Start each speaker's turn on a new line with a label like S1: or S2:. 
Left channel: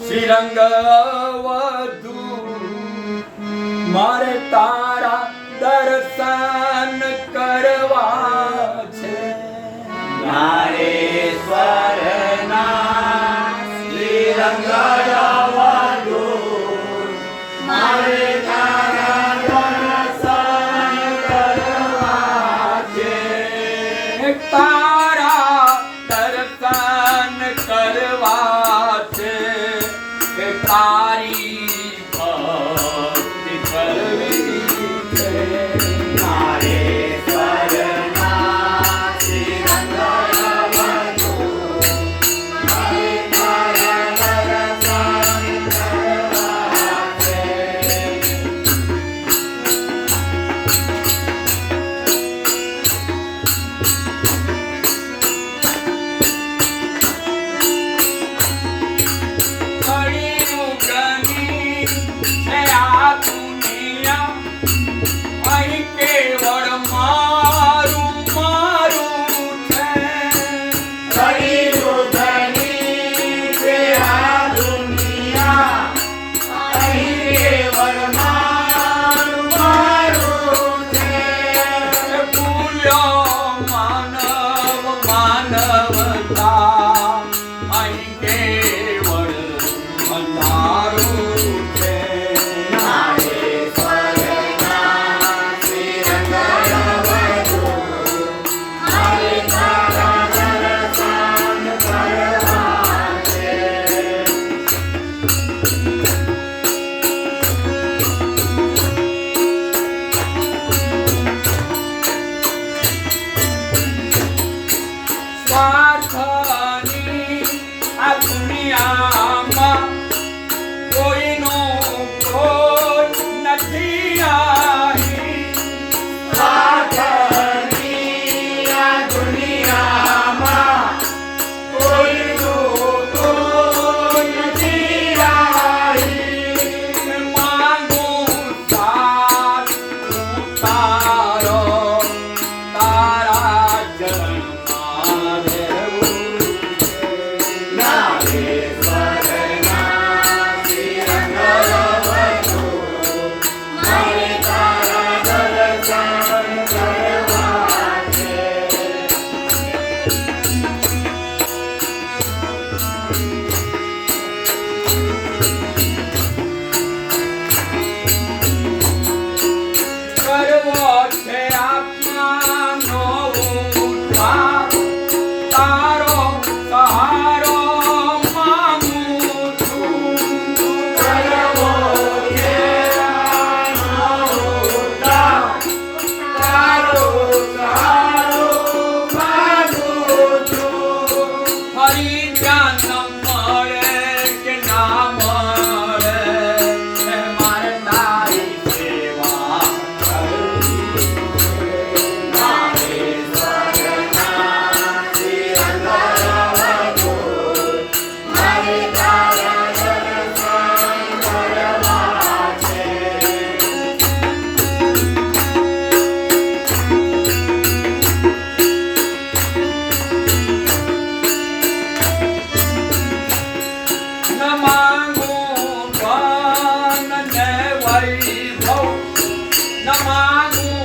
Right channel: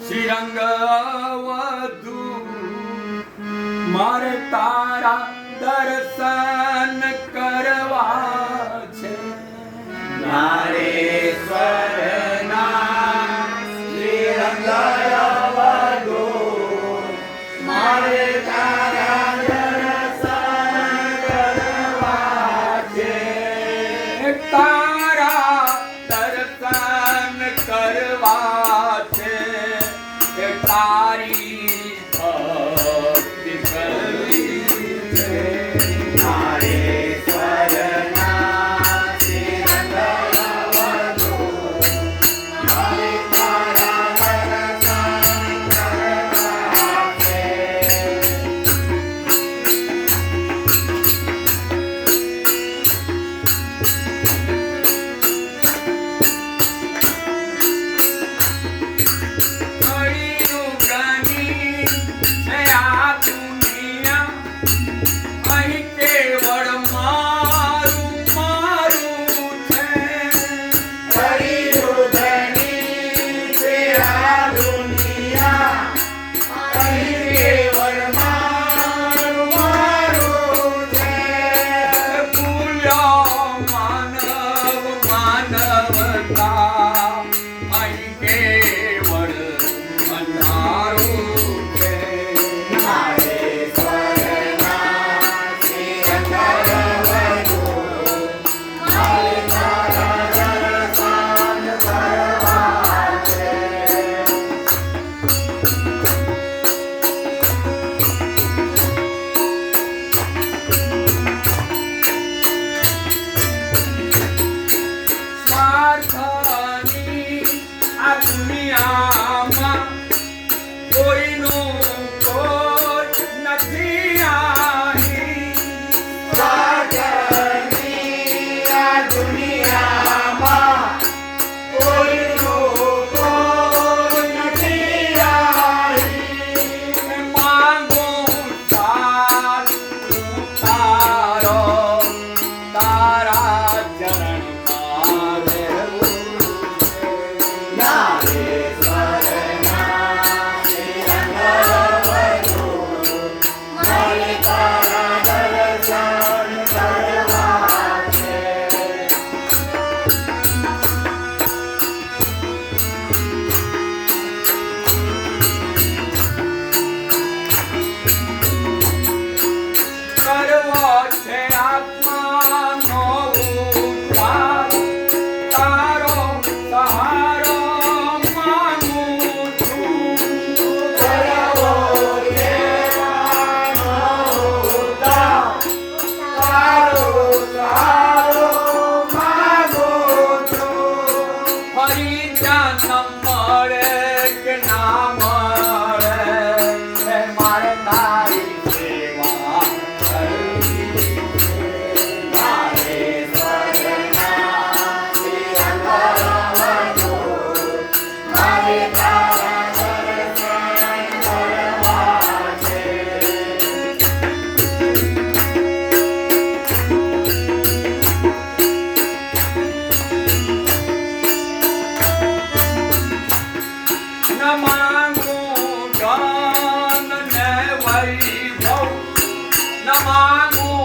S1: શ્રીરંગ મારે તારા દર્શન કરવા છે.
S2: મારે સ્વરના શ્રીરંગ વધુ મારે natureza.
S1: वैभव नमामि